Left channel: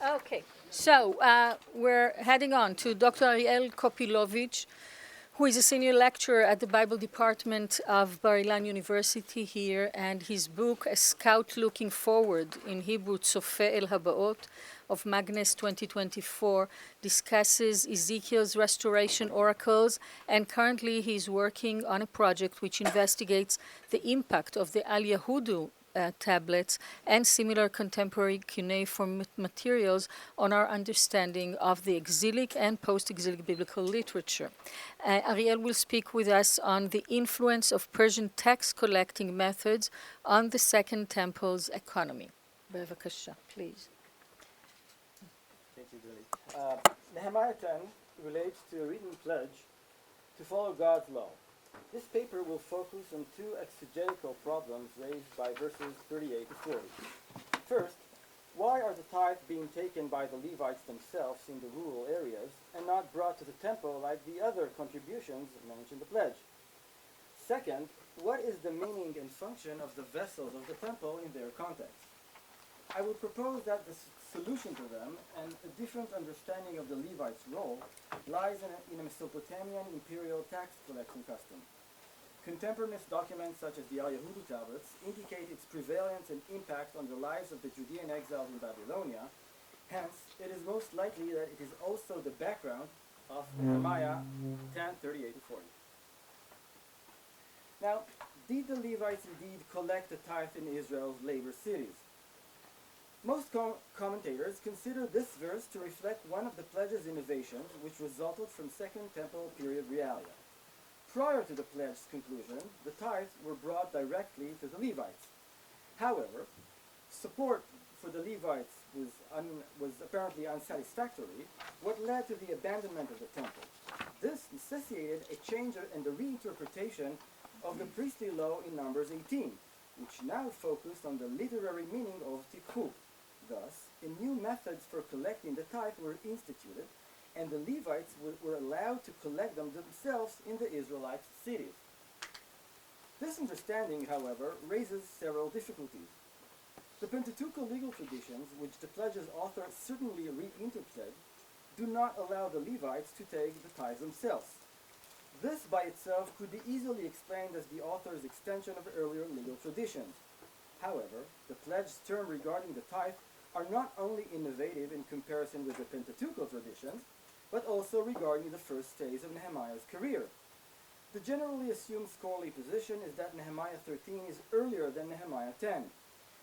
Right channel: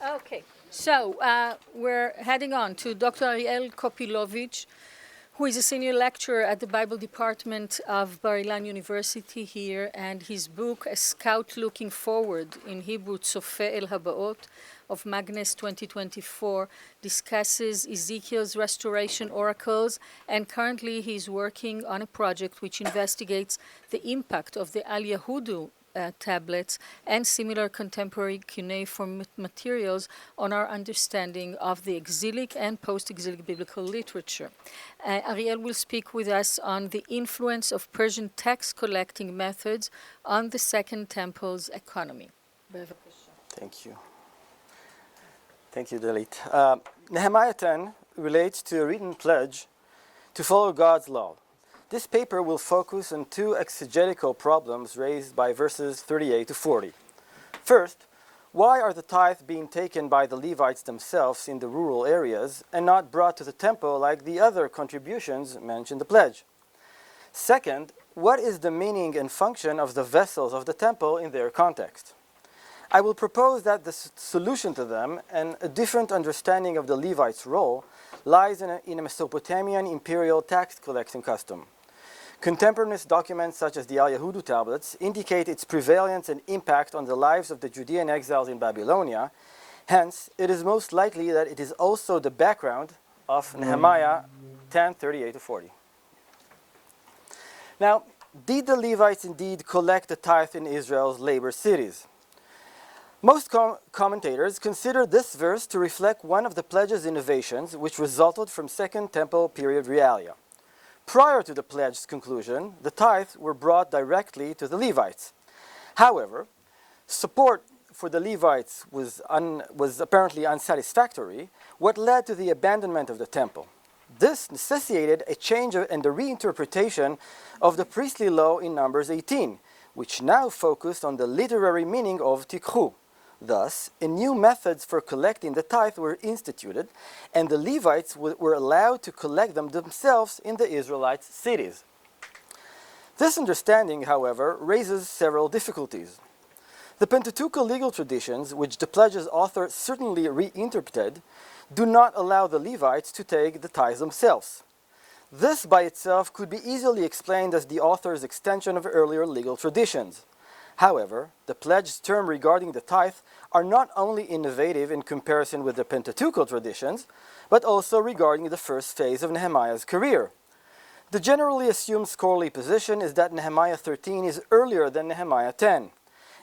Okay, so we're heading on to Dr. Ariel Kopilovitz, who is a senior lecturer at the Bible Department of Bar Ilan University here, and his book, A Scout Looking Forward, in Hebrew, Tzofeh El Habaot, of Magnes 2024, discusses Ezekiel's restoration oracles, and currently he's working on a project which investigates the impact of the Al Yahudu tablets and similar contemporary cuneiform materials on our understanding of the exilic and post-exilic biblical literature. Ariel will speak with us on the influence of Persian text collecting methods on the Second Temple's economy. בבקשה. Thank you. Thank you, Dalit. Nehemiah 10 relates to a written pledge to follow God's law. This paper will focus on two exegetical problems raised by verses 38 to 40. First, why are the tithes being taken by the Levites themselves in the rural areas and not brought to the temple like the other contributions mentioned in the pledge? Second, what is the meaning and function of the vessels of the temple in their context? I will propose that the solution to them and a different understanding of the Levites' role lies in a Mesopotamian imperial tax collecting custom. Contemporaneous documents such as the Al Yahudu tablets indicate its prevalence and impact on the lives of the Judean exiles in Babylonia. Hence, it is most likely that it is also the background of Nehemiah 10:38 to 40. Now, did the Levites indeed collect the tithe in Israel's labor cities? Most commentators consider this verse to reflect one of the pledge's innovations which resulted from Second Temple period realia. Prior to the pledge's conclusion, the tithes were brought directly to the Levites. However, support for the Levites was apparently unsatisfactory, what led to the abandonment of the temple. This necessitated a change and a reinterpretation of the priestly law in Numbers 18, which now focused on the literary meaning of tikhu. Thus, new methods for collecting the tithe were instituted, and the Levites were allowed to collect them themselves in the Israelite cities. This understanding, however, raises several difficulties. The Pentateuchal legal traditions, which the pledge's author certainly reinterpreted, do not allow the Levites to take the tithes themselves. This by itself could be easily explained as the author's extension of earlier legal traditions. However, the pledge's term regarding the tithe are not only innovative in comparison with the Pentateuchal traditions, but also regarding the first phase of Nehemiah's career. The generally assumed scholarly position is that Nehemiah 13 is earlier than Nehemiah 10,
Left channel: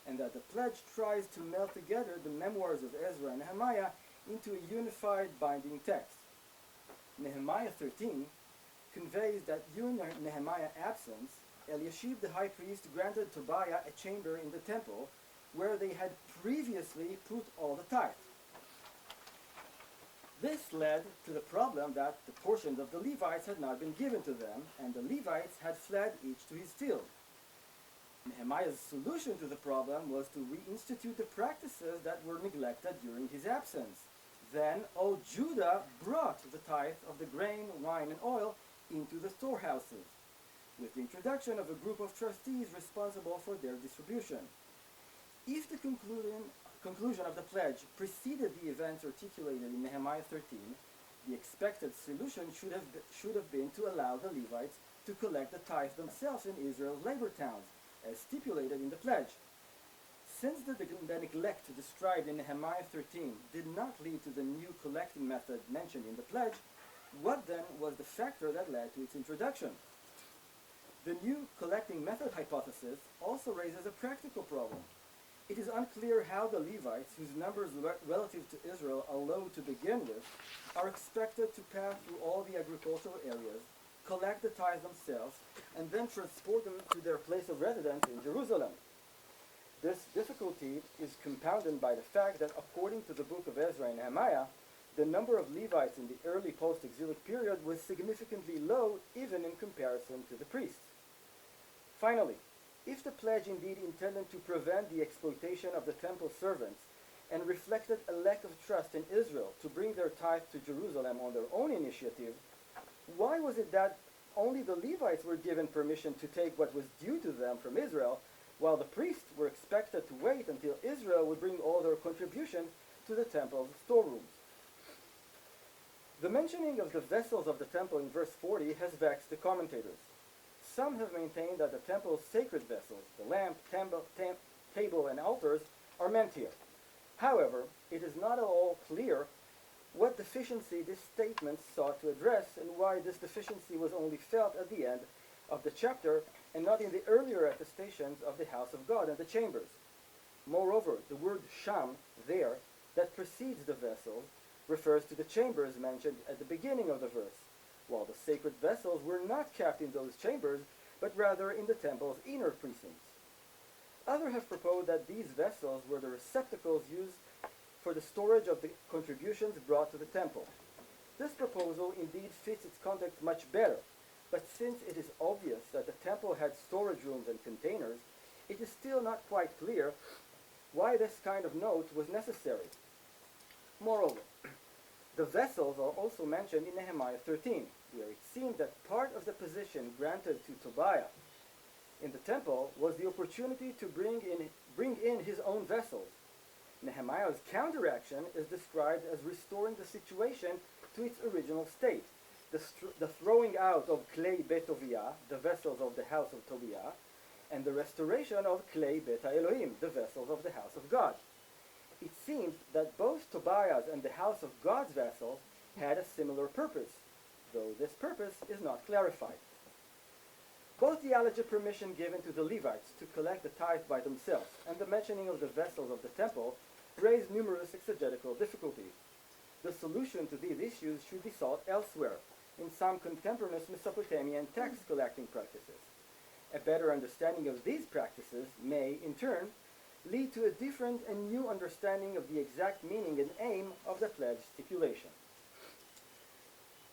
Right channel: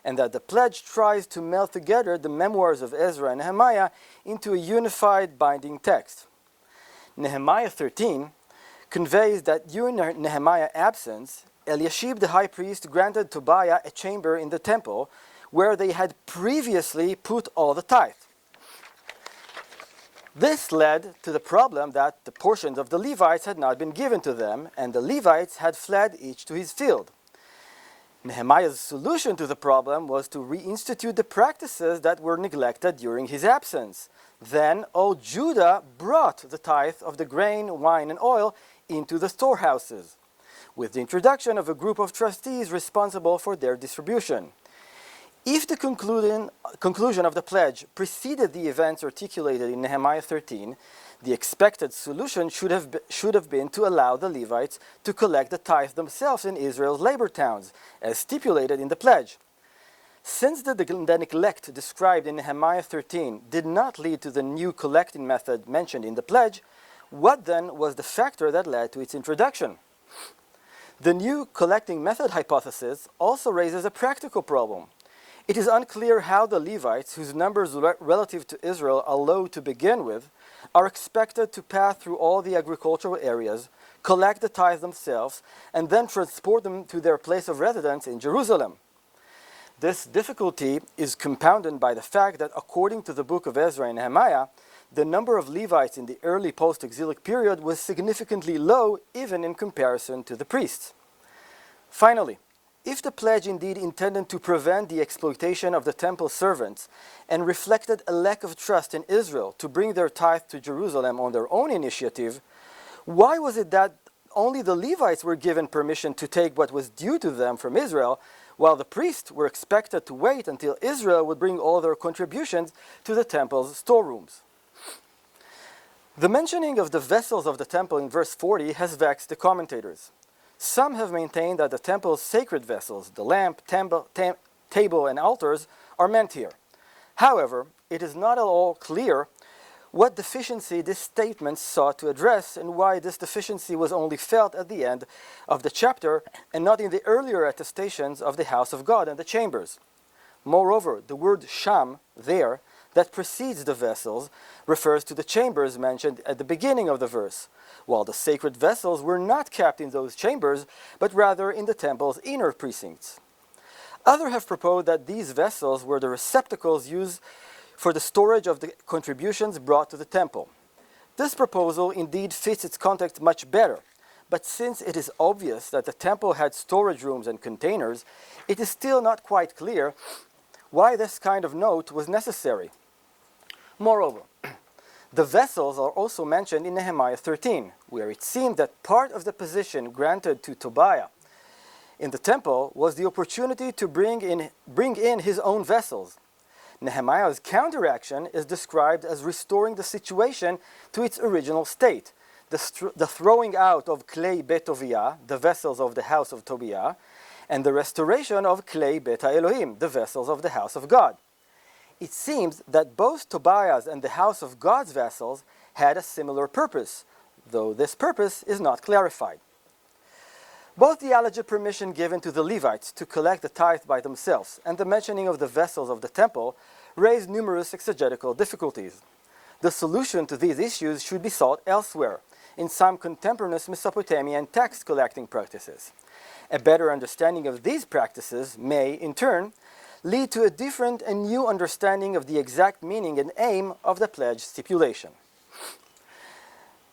and that the pledge tries to meld together the memoirs of Ezra and Nehemiah into a unified binding text. Nehemiah 13 conveys that during Nehemiah's absence, Eliashib the high priest granted Tobiah a chamber in the temple where they had previously put all the tithe. This led to the problem that the portions of the Levites had not been given to them, and the Levites had fled each to his field. Nehemiah's solution to the problem was to reinstitute the practices that were neglected during his absence. Then all Judah brought the tithe of the grain, wine, and oil into the storehouses, with the introduction of a group of trustees responsible for their distribution. If the conclusion of the pledge preceded the events articulated in Nehemiah 13, the expected solution should have been to allow the Levites to collect the tithe themselves in Israel's labor towns, as stipulated in the pledge. Since the neglect described in Nehemiah 13 did not lead to the new collecting method mentioned in the pledge, what then was the factor that led to its introduction? The new collecting method hypothesis also raises a practical problem. It is unclear how the Levites, whose numbers relative to Israel are low to begin with, are expected to pass through all the agricultural areas, collect the tithe themselves, and then transport them to their place of residence in Jerusalem. This difficulty is compounded by the fact that according to the book of Ezra and Nehemiah, the number of Levites in the early post-exilic period was significantly low even in comparison to the priests. Finally, if the pledge indeed intended to prevent the exploitation of the temple servants and reflected a lack of trust in Israel to bring their tithe to Jerusalem on their own initiative, why was it that only the Levites were given permission to take what was due to them from Israel, while the priests were expected to wait until Israel would bring all their contributions to the temple's storerooms. The mentioning of the vessels of the temple in verse 40 has vexed the commentators. Some have maintained that the temple's sacred vessels, the lamp, table, and altars, are meant here. However, it is not at all clear what deficiency this statement sought to address and why this deficiency was only felt at the end of the chapter and not in the earlier attestations of the house of God and the chambers. Moreover, the word sham, there, that precedes the vessels, refers to the chambers mentioned at the beginning of the verse, while the sacred vessels were not kept in those chambers, but rather in the temple's inner precincts. Others have proposed that these vessels were the receptacles used for the storage of the contributions brought to the temple. This proposal indeed fits its context much better, but since it is obvious that the temple had storage rooms and containers, it is still not quite clear why this kind of note was necessary. Moreover, the vessels are also mentioned in Nehemiah 13, where it seemed that part of the position granted to Tobiah in the temple was the opportunity to bring in his own vessels. Nehemiah's counteraction is described as restoring the situation to its original state, the throwing out of klei bet Tobiah, the vessels of the house of Tobiah, and the restoration of klei bet Elohim, the vessels of the house of God. It seems that both Tobiah's and the house of God's vessels had a similar purpose, though this purpose is not clarified. Both the alleged permission given to the Levites to collect the tithe by themselves and the mentioning of the vessels of the temple raised numerous exegetical difficulties. The solution to these issues should be sought elsewhere, in some contemporaneous Mesopotamian tax collecting practices. A better understanding of these practices may, in turn, lead to a different and new understanding of the exact meaning and aim of the pledge stipulation.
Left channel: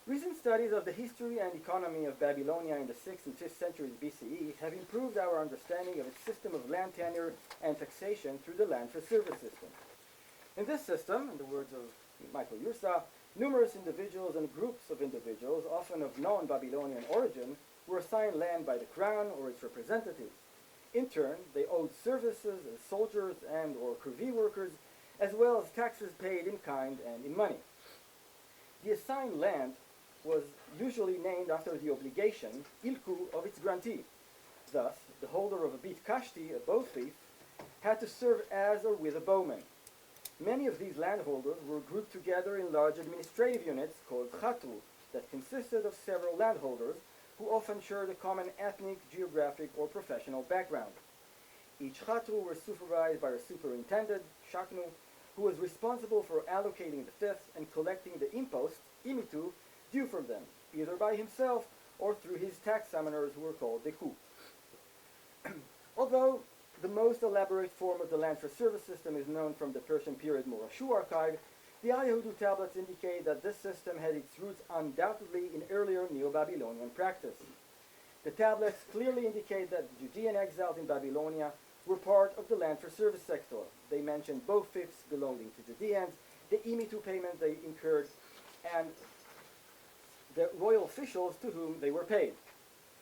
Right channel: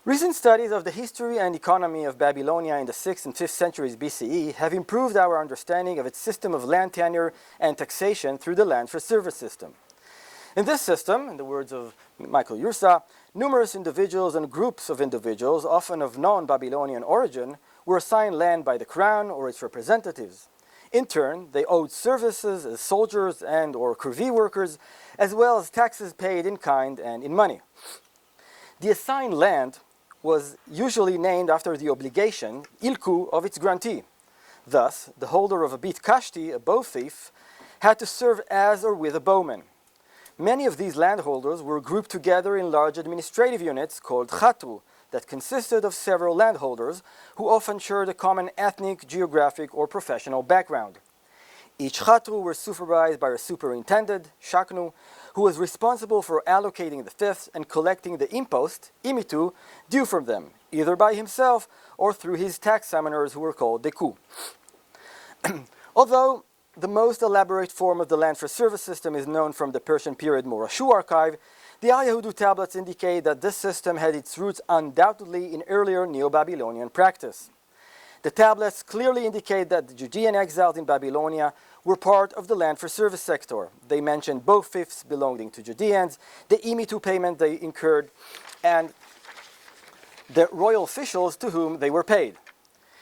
Recent studies of the history and economy of Babylonia in the 6th and 5th centuries BCE have improved our understanding of its system of land tenure and taxation through the land for service system. In this system, in the words of Michael Yursa, numerous individuals and groups of individuals, often of non-Babylonian origin, were assigned land by the crown or its representatives. In turn, they owed services as soldiers and or corvée workers, as well as taxes paid in kind and in money. The assigned land was usually named after the obligation, ilku, of its grantee. Thus, the holder of a bit kashti, a bow thief, had to serve as or with a bowman. Many of these landholders were grouped together in large administrative units called chatru, that consisted of several landholders who often shared a common ethnic, geographic, or professional background. Each chatru was supervised by a superintendent, shaknu, who was responsible for allocating the fifths and collecting the impost, imitu, due from them, either by himself or through his tax summoners who were called deku. Although the most elaborate form of the land for service system is known from the Persian period Morashu archive, the Al Yahudu tablets indicate that this system had its roots undoubtedly in earlier Neo-Babylonian practice. The tablets clearly indicate that the Judean exiles in Babylonia were part of the land for service sector. They mention both fifths belonging to Judeans, the imitu payment they incurred, and the royal officials to whom they were paid.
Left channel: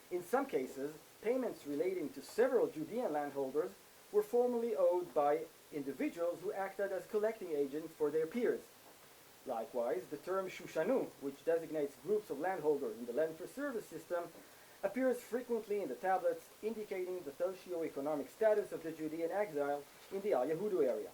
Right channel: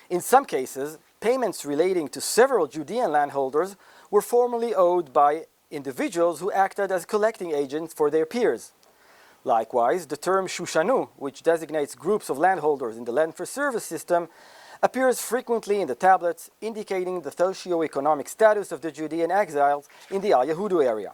In some cases, payments relating to several Judean landholders were formally owed by individuals who acted as collecting agents for their peers. Likewise, the term shushanu, which designates groups of landholders in the land for service system, appears frequently in the tablets, indicating the socio-economic status of the Judean exiles in the Al Yahudu area.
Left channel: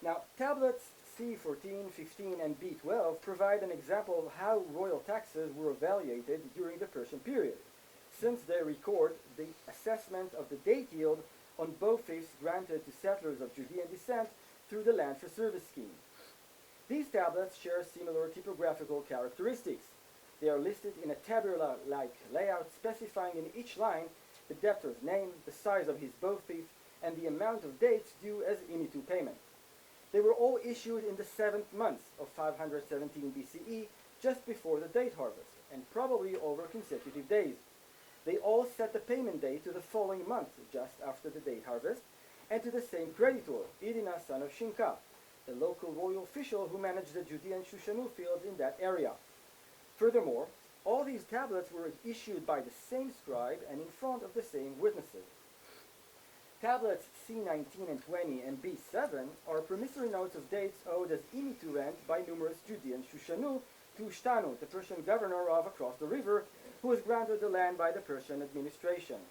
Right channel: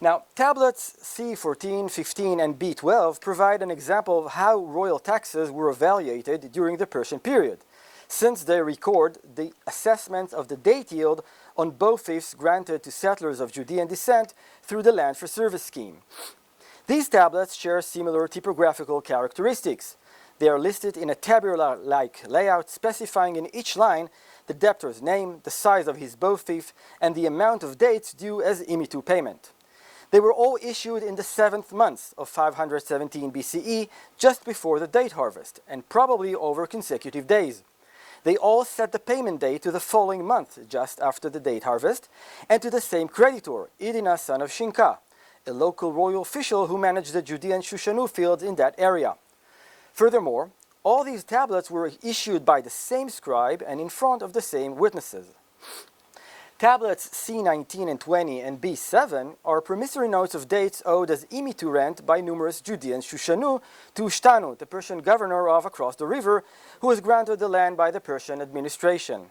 Now, tablets C14, 15, and B12 provide an example of how royal taxes were evaluated during the Persian period, since they record the assessment of the date yield on both fifths granted to settlers of Judean descent through the land for service scheme. These tablets share similar typographical characteristics. They are listed in a tabular-like layout specifying in each line the debtor's name, the size of his bow thief, and the amount of dates due as imitu payment. They were all issued in the 7th month of 517 BCE, just before the date harvest, and probably over consecutive days. They all set the payment date to the following month, just after the date harvest, and to the same creditor, Idina, son of Shinka, a local royal official who managed the Judean Shushanu fields in that area. Furthermore, all these tablets were issued by the same scribe and in front of the same witnesses. Tablets C19 and 20 and B7 are promissory notes of dates owed as imitu rent by numerous Judeans Shushanu to Ushtanu, the Persian governor of across the river, who was granted the land by the Persian administration.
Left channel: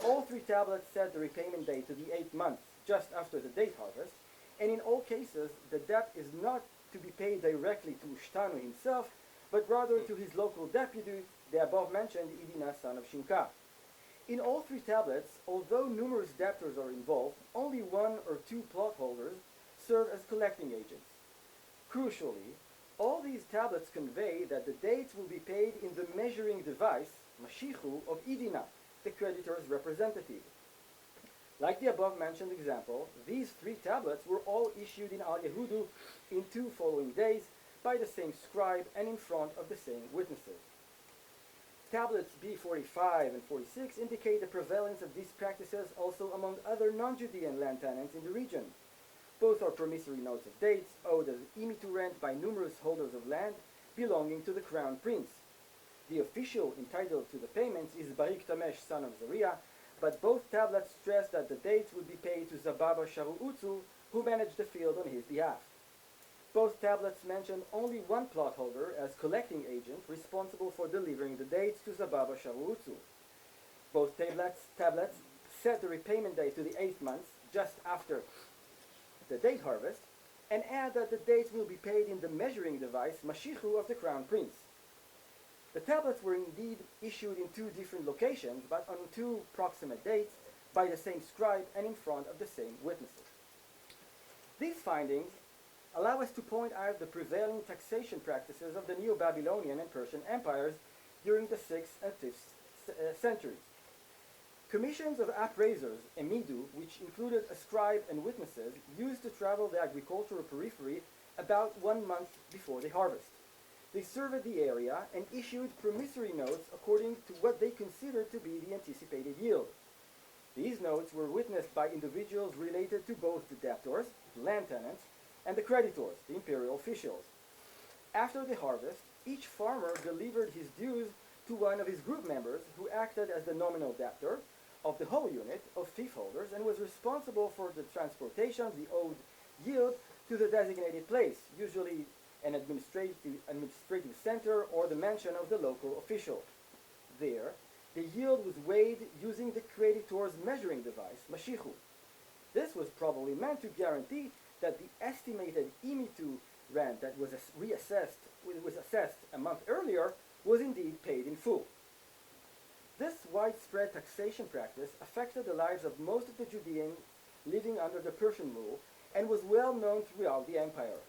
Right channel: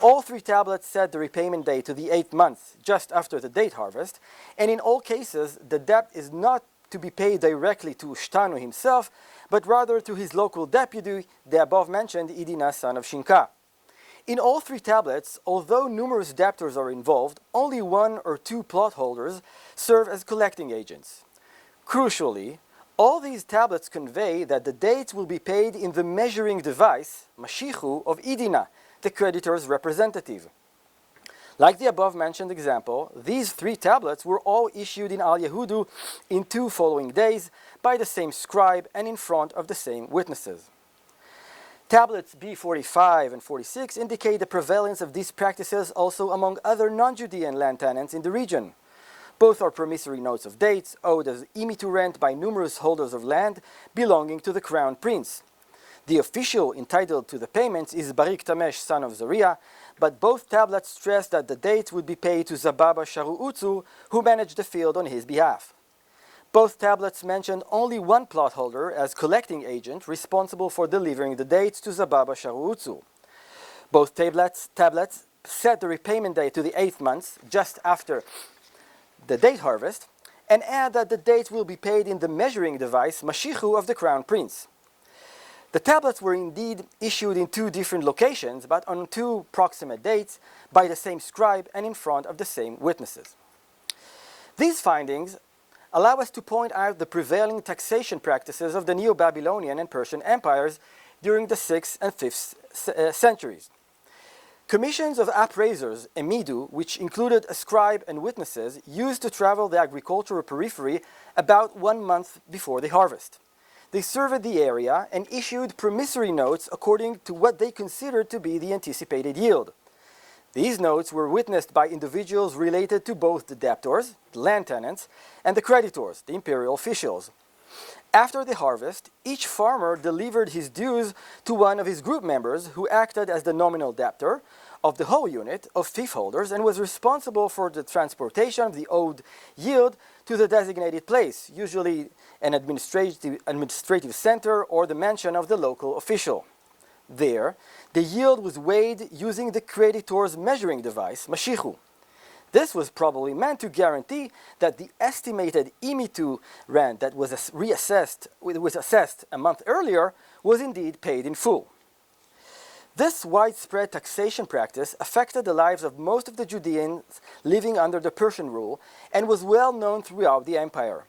All three tablets set the repayment date to the 8th month, just after the date harvest, and in all cases, the debt is not to be paid directly to Ushtanu himself, but rather to his local deputy, the above-mentioned Idina, son of Shinka. In all three tablets, although numerous debtors are involved, only one or two plot holders serve as collecting agents. Crucially, all these tablets convey that the dates will be paid in the measuring device, Mashichu, of Idina, the creditor's representative. Like the above-mentioned example, these three tablets were all issued in Al Yehudu in 2 following days by the same scribe and in front of the same witnesses. Tablets B45 and 46 indicate the prevalence of these practices also among other non-Judean land tenants in the region. Both are promissory notes of dates owed as imitu rent by numerous holders of land belonging to the crown prince. The official entitled to the payments is Barik Tamesh, son of Zariah, but both tablets stress that the dates would be paid to Zababa Sharu'utzu, who managed the field on his behalf. Both tablets mention only one plot holder as collecting agent responsible for delivering the dates to Zababa Sharu'utzu. Both tablets set the repayment date to the 8th month, just after the date harvest, and add that the dates will be paid in the measuring device, Mashichu, of the crown prince. The tablets were indeed issued in 2 different locations, but on 2 proximate dates by the same scribe and in front of the same witnesses. These findings allow us to point out the prevailing taxation practices of the Neo-Babylonian and Persian empires during the 6th and 5th centuries. Commissions of appraisers, emidu, which included a scribe and witnesses, used to travel the agricultural periphery about 1 month before the harvest. They surveyed the area and issued promissory notes according to what they considered to be the anticipated yield. These notes were witnessed by individuals related to both the debtors, the land tenants, and the creditors, the imperial officials. After the harvest, each farmer delivered his dues to one of his group members who acted as the nominal debtor of the whole unit of fief holders and was responsible for the transportation of the owed yield to the designated place, usually an administrative center or the mansion of the local official. There, the yield was weighed using the creditor's measuring device, Mashichu. This was probably meant to guarantee that the estimated imitu rent that was assessed a month earlier was indeed paid in full. This widespread taxation practice affected the lives of most of the Judeans living under the Persian rule and was well known throughout the empire.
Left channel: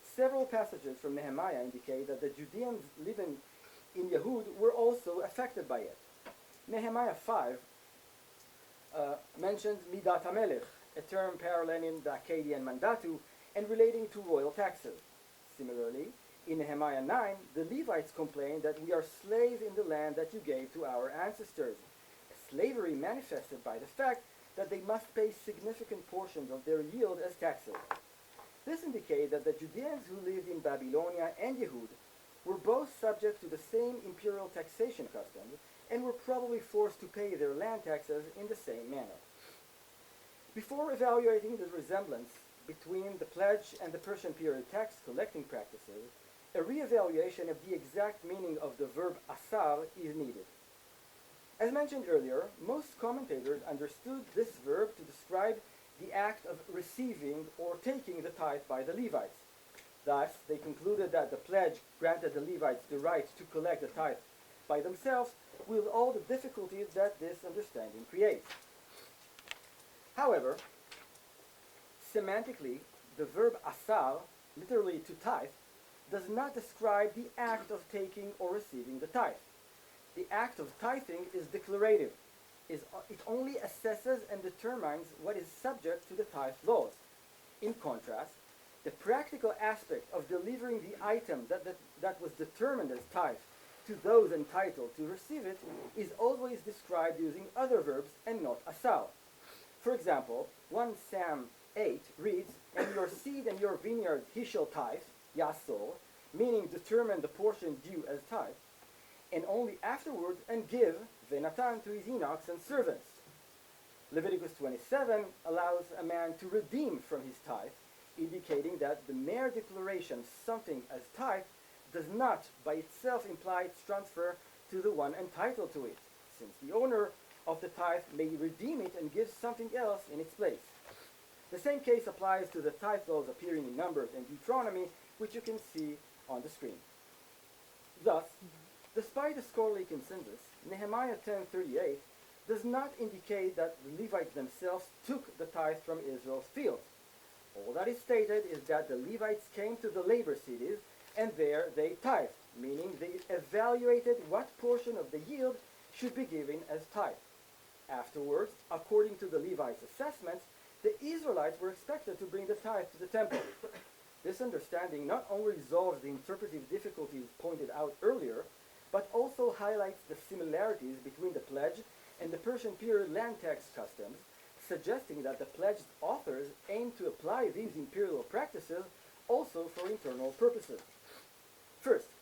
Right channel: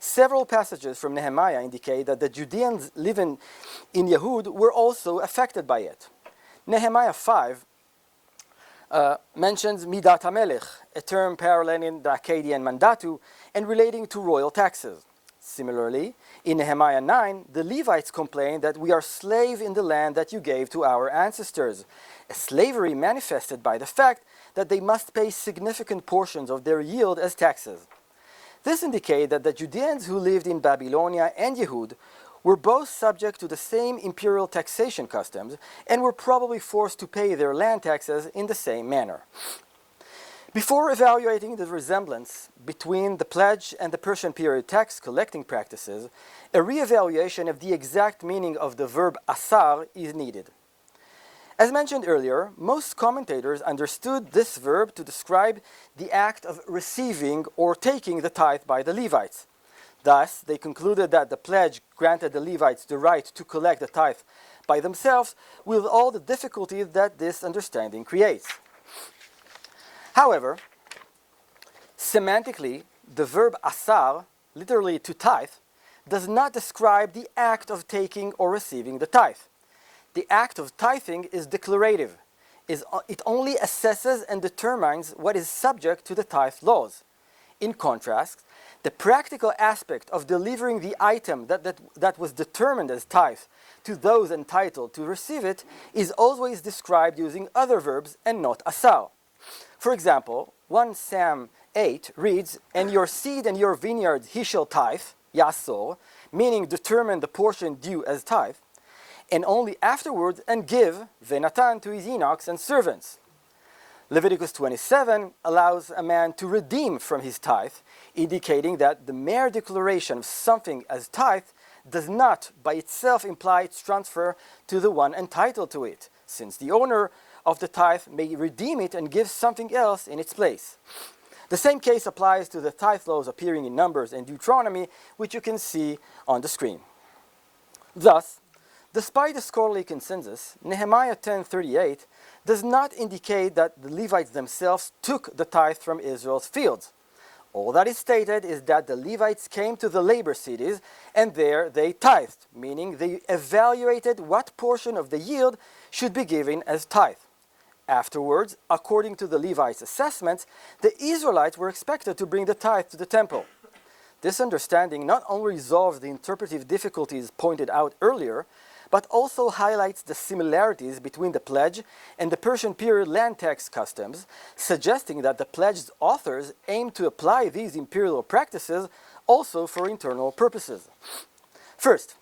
Several passages from Nehemiah indicate that the Judeans living in Yehud were also affected by it. Nehemiah 5 mentions Midat HaMelech, a term paralleling the Akkadian mandatu and relating to royal taxes. Similarly, in Nehemiah 9, the Levites complain that we are slaves in the land that you gave to our ancestors, a slavery manifested by the fact that they must pay significant portions of their yield as taxes. This indicates that the Judeans who lived in Babylonia and Yehud were both subject to the same imperial taxation customs and were probably forced to pay their land taxes in the same manner. Before evaluating the resemblance between the pledge and the Persian period tax collecting practices, a re-evaluation of the exact meaning of the verb asar is needed. As mentioned earlier, most commentators understood this verb to describe the act of receiving or taking the tithe by the Levites. Thus, they concluded that the pledge granted the Levites the right to collect the tithe by themselves, with all the difficulties that this understanding creates. However, semantically, the verb asar, literally to tithe, does not describe the act of taking or receiving the tithe. The act of tithing is declarative. It only assesses and determines what is subject to the tithe laws. In contrast, the practical aspect of delivering the item that was determined as tithe to those entitled to receive it is always described using other verbs and not asar. For example, 1 Sam 8 reads, "And your seed and your vineyard he shall tithe," yasor, meaning determine the portion due as tithe, and only afterwards and give venatan to his eunuchs and servants. Leviticus 27 allows a man to redeem from his tithe, indicating that the mere declaration of something as tithe does not by itself imply its transfer to the one entitled to it, since the owner of the tithe may redeem it and give something else in its place. The same case applies to the tithe laws appearing in Numbers and Deuteronomy, which you can see on the screen. Thus, despite the scholarly consensus, Nehemiah 10:38 does not indicate that the Levites themselves took the tithe from Israel's fields. All that is stated is that the Levites came to the labor cities and there they tithed, meaning they evaluated what portion of the yield should be given as tithe. Afterwards, according to the Levites' assessments, the Israelites were expected to bring the tithe to the temple. This understanding not only resolves the interpretive difficulties pointed out earlier, but also highlights the similarities between the pledge and the Persian period land tax customs, suggesting that the pledge's authors aimed to apply these imperial practices also for internal purposes. First,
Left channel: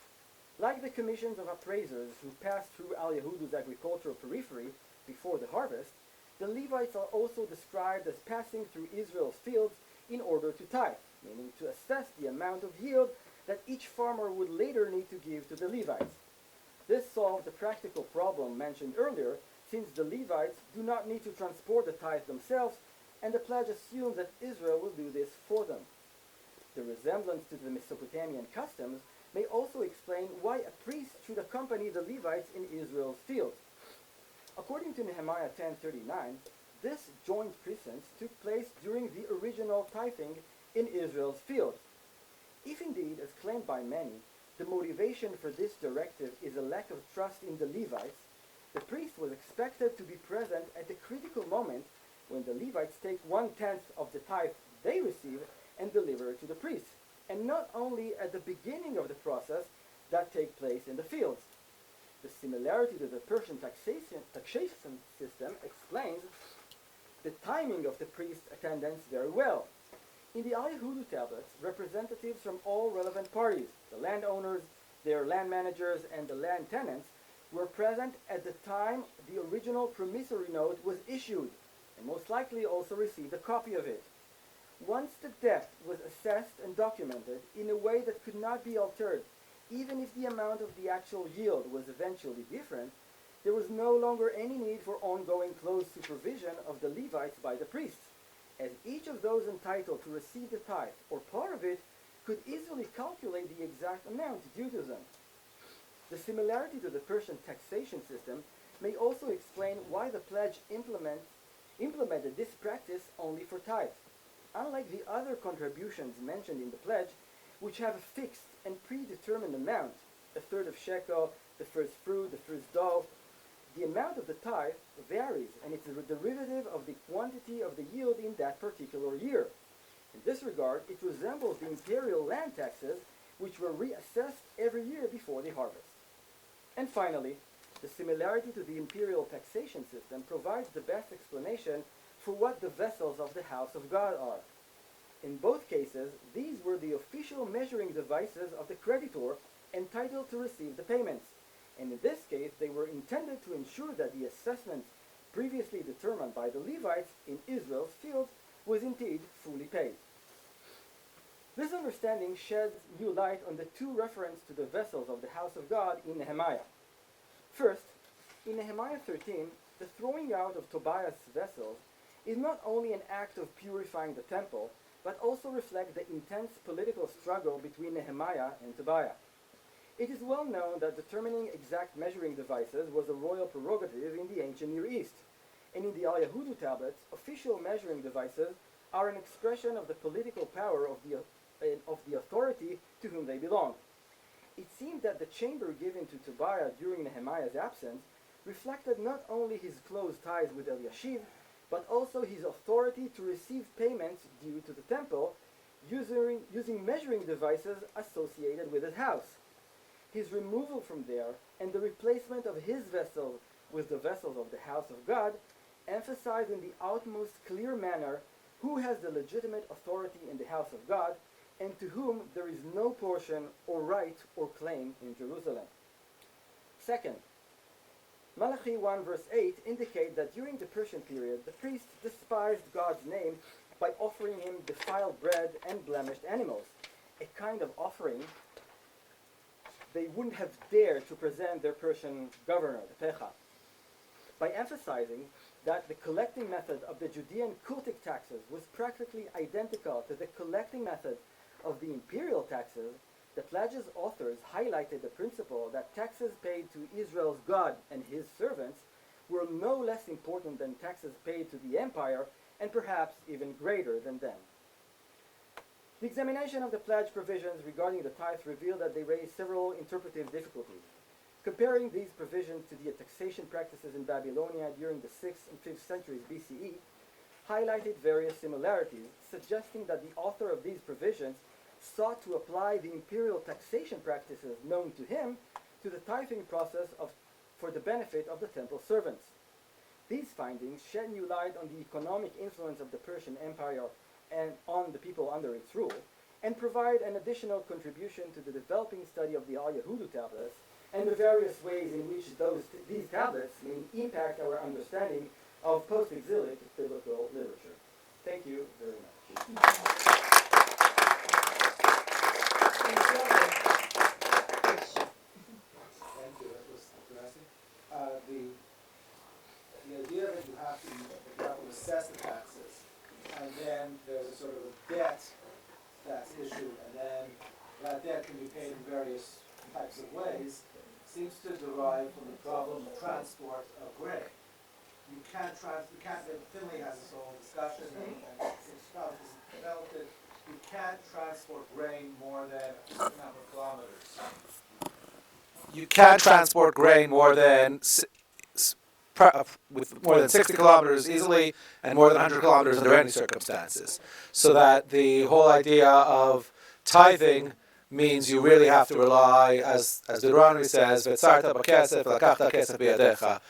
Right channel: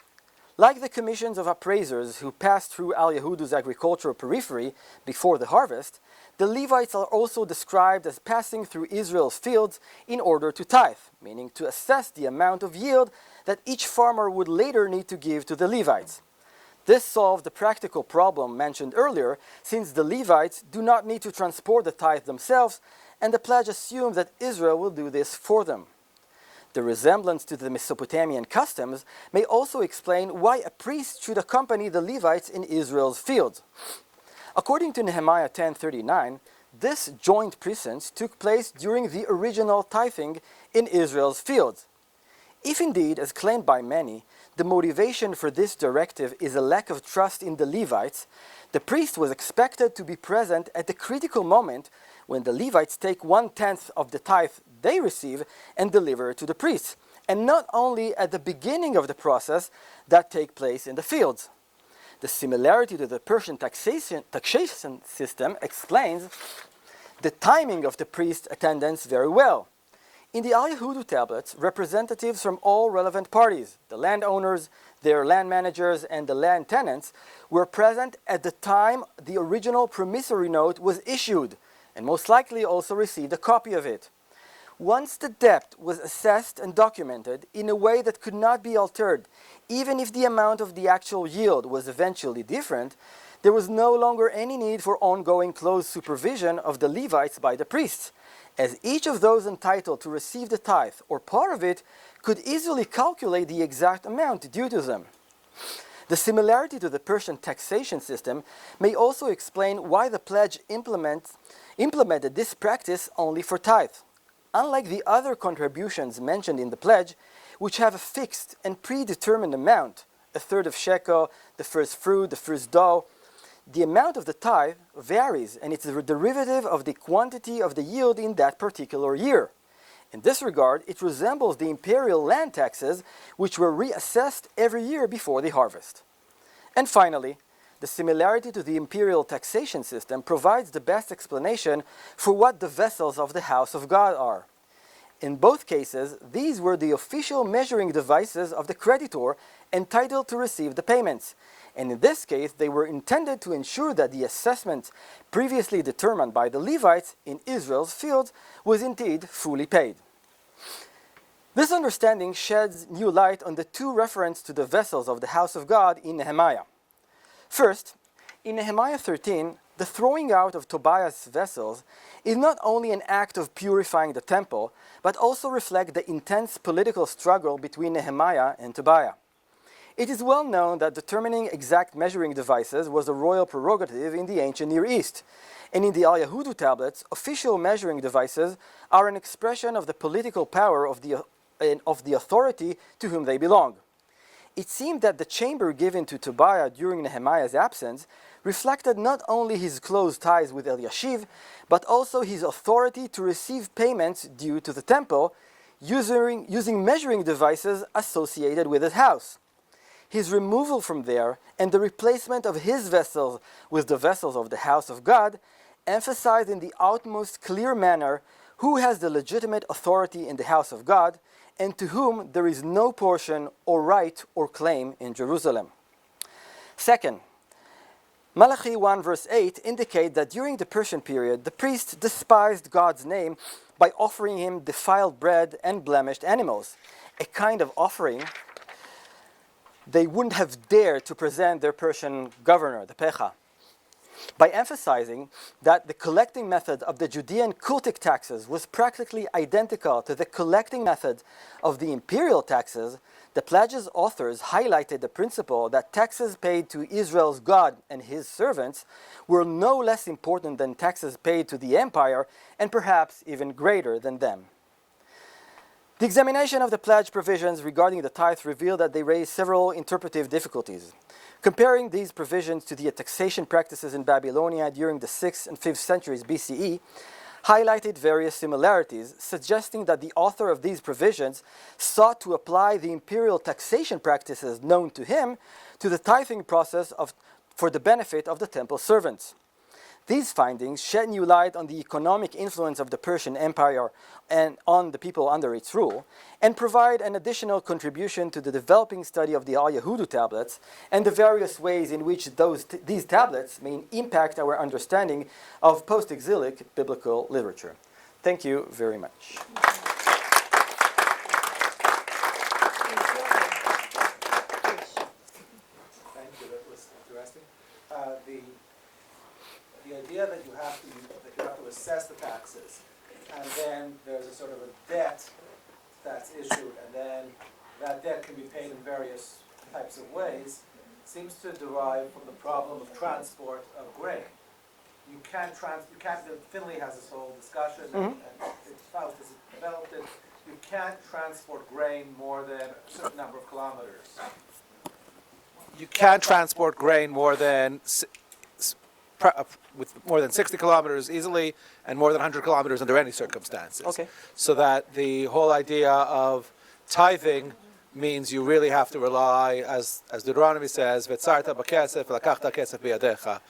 like the commissions of appraisers who passed through Al-Yahudu's agricultural periphery before the harvest, the Levites are also described as passing through Israel's fields in order to tithe, meaning to assess the amount of yield that each farmer would later need to give to the Levites. This solved the practical problem mentioned earlier, since the Levites do not need to transport the tithe themselves, and the pledge assumes that Israel will do this for them. The resemblance to the Mesopotamian customs may also explain why a priest should accompany the Levites in Israel's fields. According to Nehemiah 10:39, this joint presence took place during the original tithing in Israel's fields. If indeed, as claimed by many, the motivation for this directive is a lack of trust in the Levites, the priest was expected to be present at the critical moment when the Levites take 1/10 of the tithe they receive and deliver it to the priests, and not only at the beginning of the process that take place in the fields. The similarity to the Persian taxation system explains the timing of the priest's attendance very well. In the Al-Yahudu tablets, representatives from all relevant parties, the landowners, their land managers, and the land tenants, were present at the time the original promissory note was issued, and most likely also received a copy of it. Once the debt was assessed and documented in a way that could not be altered, even if the amount of the actual yield was eventually different, there was no longer any need for ongoing close supervision of the Levites by the priests, as each of those entitled to receive the tithe or part of it could easily calculate the exact amount due to them. The similarity to the Persian taxation system may also explain why the pledge implemented this practice only for tithe. Unlike the other contributions mentioned in the pledge, which have a fixed and predetermined amount, a third of shekel, the first fruit, the first dough, the amount of the tithe varies, and it's a derivative of the quantity of the yield in that particular year. In this regard, it resembles the imperial land taxes, which were reassessed every year before the harvest. And finally, the similarity to the imperial taxation system provides the best explanation for what the vessels of the house of God are. In both cases, these were the official measuring devices of the creditor entitled to receive the payments, and in this case, they were intended to ensure that the assessment previously determined by the Levites in Israel's fields was indeed fully paid. This understanding sheds new light on the two references to the vessels of the house of God in Nehemiah. First, in Nehemiah 13, the throwing out of Tobiah's vessels is not only an act of purifying the temple, but also reflects the intense political struggle between Nehemiah and Tobiah. It is well known that determining exact measuring devices was a royal prerogative in the ancient Near East, and in the Al-Yahudu tablets, official measuring devices are an expression of the political power of the authority to whom they belong. It seemed that the chamber given to Tobiah during Nehemiah's absence reflected not only his close ties with Eliashiv, but also his authority to receive payments due to the temple, using measuring devices associated with his house. His removal from there and the replacement of his vessels with the vessels of the house of God emphasize in the utmost clear manner who has the legitimate authority in the house of God and to whom there is no portion or right or claim in Jerusalem. Second, Malachi 1 verse 8 indicate that during the Persian period, the priests despised God's name by offering him defiled bread and blemished animals, a kind of offering they wouldn't have dared to present their Persian governor, the Pecha. By emphasizing that the collecting method of the Judean cultic taxes was practically identical to the collecting method of the imperial taxes, the pledge's authors highlighted the principle that taxes paid to Israel's God and his servants were no less important than taxes paid to the empire, and perhaps even greater than them. The examination of the pledge provisions regarding the tithe revealed that they raised several interpretive difficulties. Comparing these provisions to the taxation practices in Babylonia during the 6th and 5th centuries BCE highlighted various similarities, suggesting that the author of these provisions sought to apply the imperial taxation practices known to him to the tithing process for the benefit of the temple servants. These findings shed new light on the economic influence of the Persian Empire and on the people under its rule, and provide an additional contribution to the developing study of the Al-Yahudu tablets and the various ways in which these tablets may impact our understanding of post-exilic biblical literature. Thank you very much. The idea that you have to assess the taxes, and then there's a sort of a debt that's issued, and then that debt can be paid in various types of ways, seems to derive from the problem of transport of grain. Finley has this whole discussion, and it's developed it. You can't transport grain more than a certain number of kilometers. You can't transport grain with more than 60 kilometers easily, and more than 100 kilometers under any circumstances. Okay. So that the whole idea of tithing means you really have to rely, as Deuteronomy says, "V'tzarta b'kesef, v'lakachta kesef b'yadecha."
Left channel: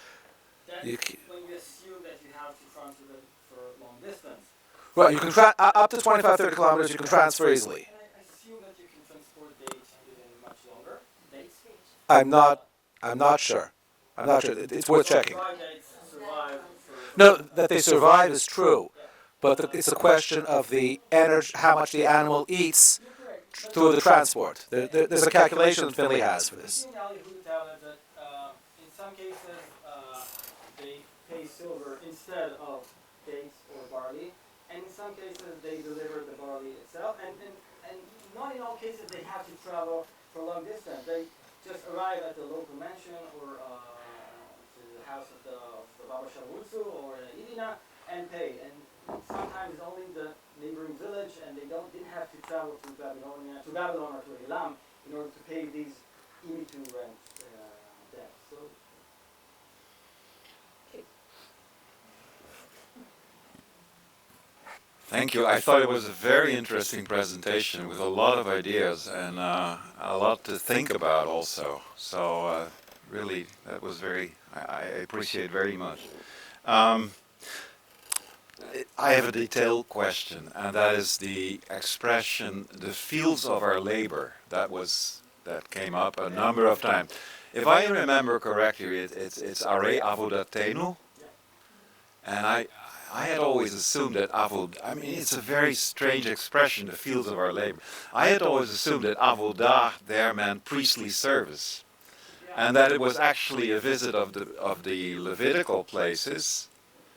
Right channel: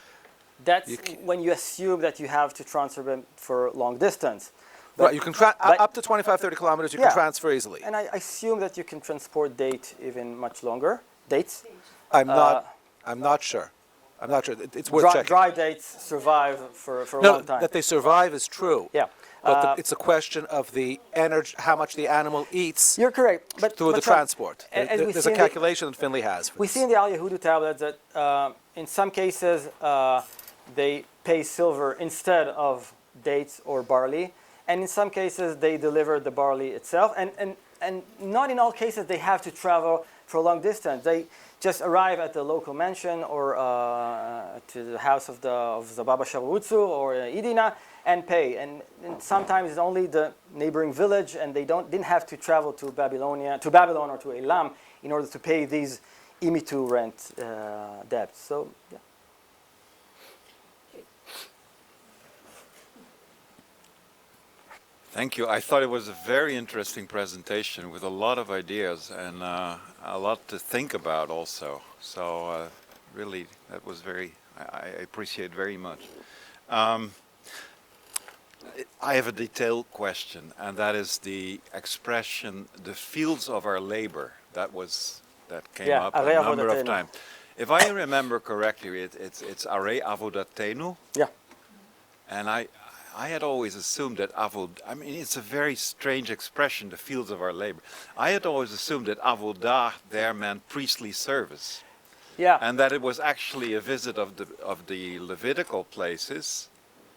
That's when you assume that you have to transfer them for long distance. Well, you can up to 25, 30 kilometers you can transfer easily. And I assume that you can transport dates even much longer. Dates? I'm not sure. I'm not sure. It's worth checking. Dry dates survive for a No, long time. that they survive is true. Yeah. But it's a question of the energy, how much the animal eats You're correct. But through the transport. And There's a calculation that Finley has for we this. see in the Al-Yahudu tablets that in some cases they pay silver instead of dates or barley, and in some cases they deliver the barley itself, and not in all cases they have to travel for a long distance. They just arrive at the local mansion or to the house of the Baba Sharwutzu or Idina and pay. And sometimes it's only the neighboring village, and they didn't have to travel to Babylon or to Elam in order to pay these imitu rent debts. So, yeah. Thank you. I thought it was a very interesting presentation with a lot of ideas and a lot to think about also. So really, that was I appreciate very much. I have a detailed question, and that is the expression, the fields of our labor. That came up a Ariel number of times. If I remember correctly, it's Are Avodatenu. Yeah. And I had always assumed that it's a very strange expression, the fields of our labor. I had always assumed that avodah there meant priestly service. Yeah. And that it was actually a visit of the Levitical places,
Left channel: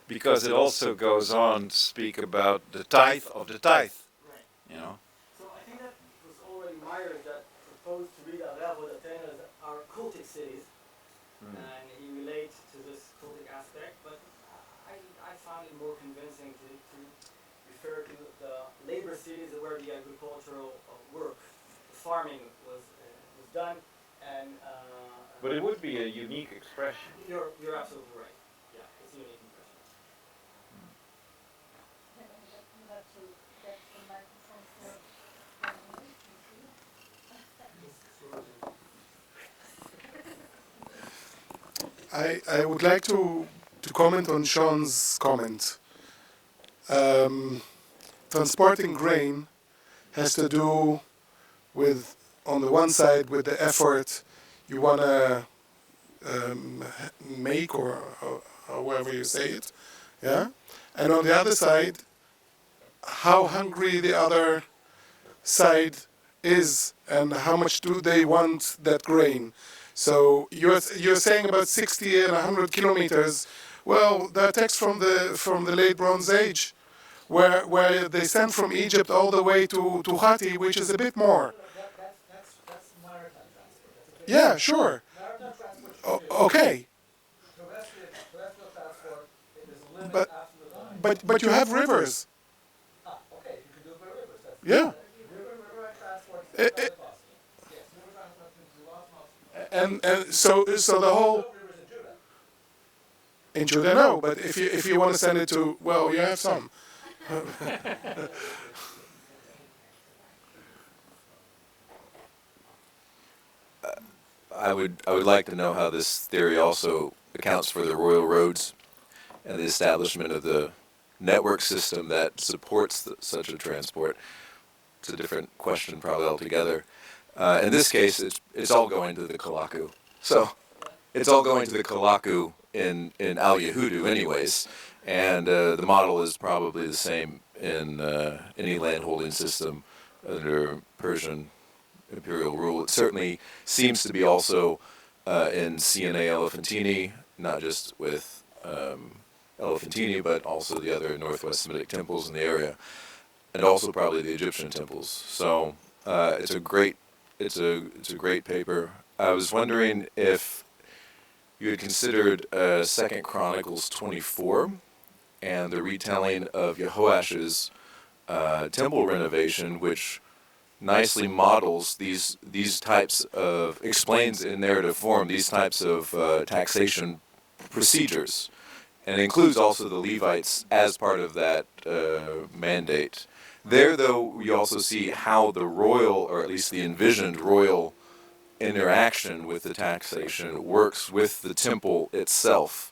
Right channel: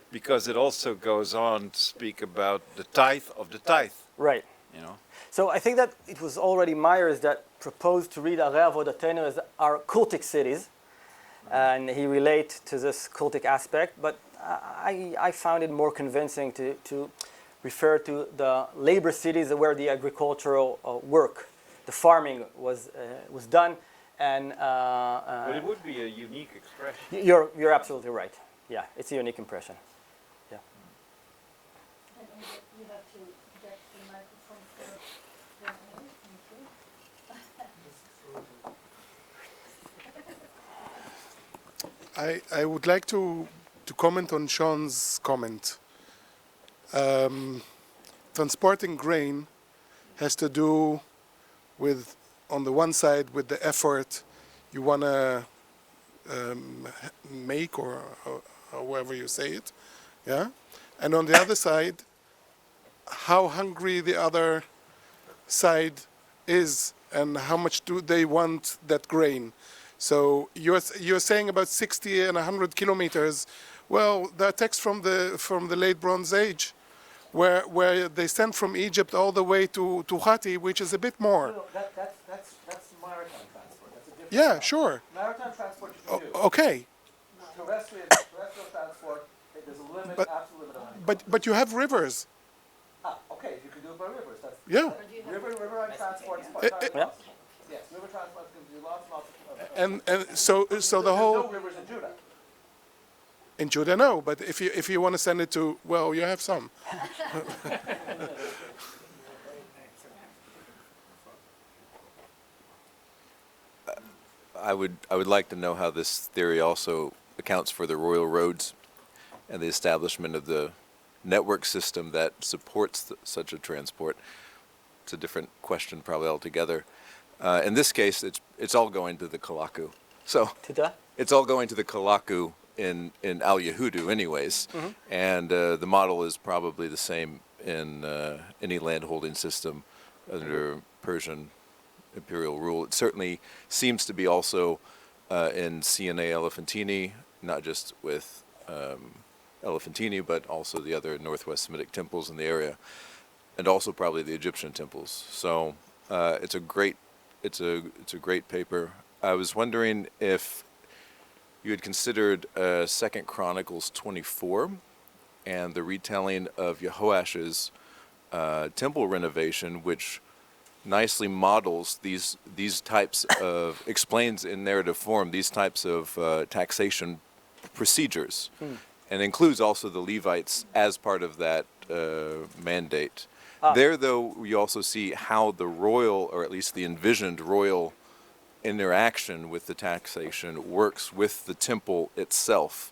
because it also goes on to speak about the tithe of the tithe. Right. You know. So I think that it was already Myers that proposed to read Are Avodatenu as our cultic cities, and he related to this cultic aspect, but I found it more convincing to refer to the labor cities where the agricultural work, the farming was done, and But it would be a unique expression. You're absolutely right. Yeah, it's a unique impression. Yeah. You have to get the microphone I would like to comment on Sean's comment. Transporting grain has to do with, on the one side, with the effort you want to make or however you say it, yeah. And on the other side, how hungry the other side is and how much do they want that grain. So you're saying about 60 and 100 kilometers. Well, there are texts from the late Bronze Age where they sent from Egypt all the way to Hatti, which is a bit more. That's maritime transport. That's a Yeah, sure. maritime transport. Okay, Terrestrial transport, it is a limit, But- absolute limit. but you have rivers. Okay, you can do it by rivers. That's Yeah. river transport. It- Yes, river transport can be lost. And so the whole No rivers in Judah. in Judah, no. But if you want to send it to, well, you have some. I would like to know how this theory also accounts for the royal roads and the establishment of the network system that supports such a transport. It's a different question probably altogether. In this case, it's all going to the Kalaku. So it's all going to the Kalaku in Al Yehudu anyways. And the model is probably the same in any landholding system under Persian imperial rule. It certainly seems to be also in CNA Elephantine, not just with Elephantine, but also the other Northwest Semitic temples in the area, and also probably the Egyptian temples. So it's a great paper. I was wondering if you had considered 2 Chronicles 24 and the retelling of Jehoash's temple renovation, which nicely models these types of, explains in narrative form these types of taxation procedures, and includes also the Levites as part of that mandate. There, though, we also see how the royal, or at least the envisioned royal interaction with the taxation works with the temple itself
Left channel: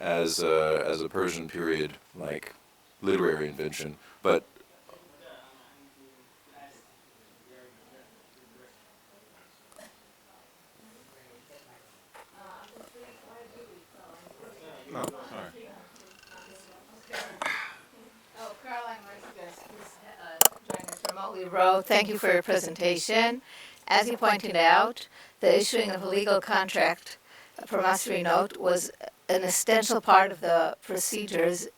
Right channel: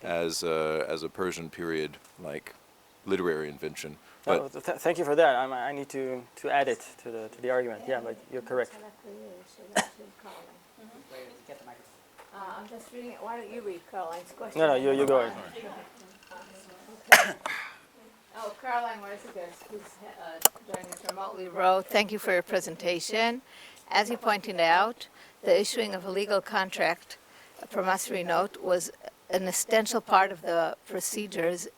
as a Persian period like literary invention. But Thank you for that. I need to add it to the argument. Yeah, but you're correct. I'm just reading, why don't you read Caroline's question? No, you go ahead. Oh, Caroline Marcus, who's joining us remotely, wrote, thank you for your presentation. As you pointed out, the issuing of a legal contract, a promissory note, was an essential part of the procedures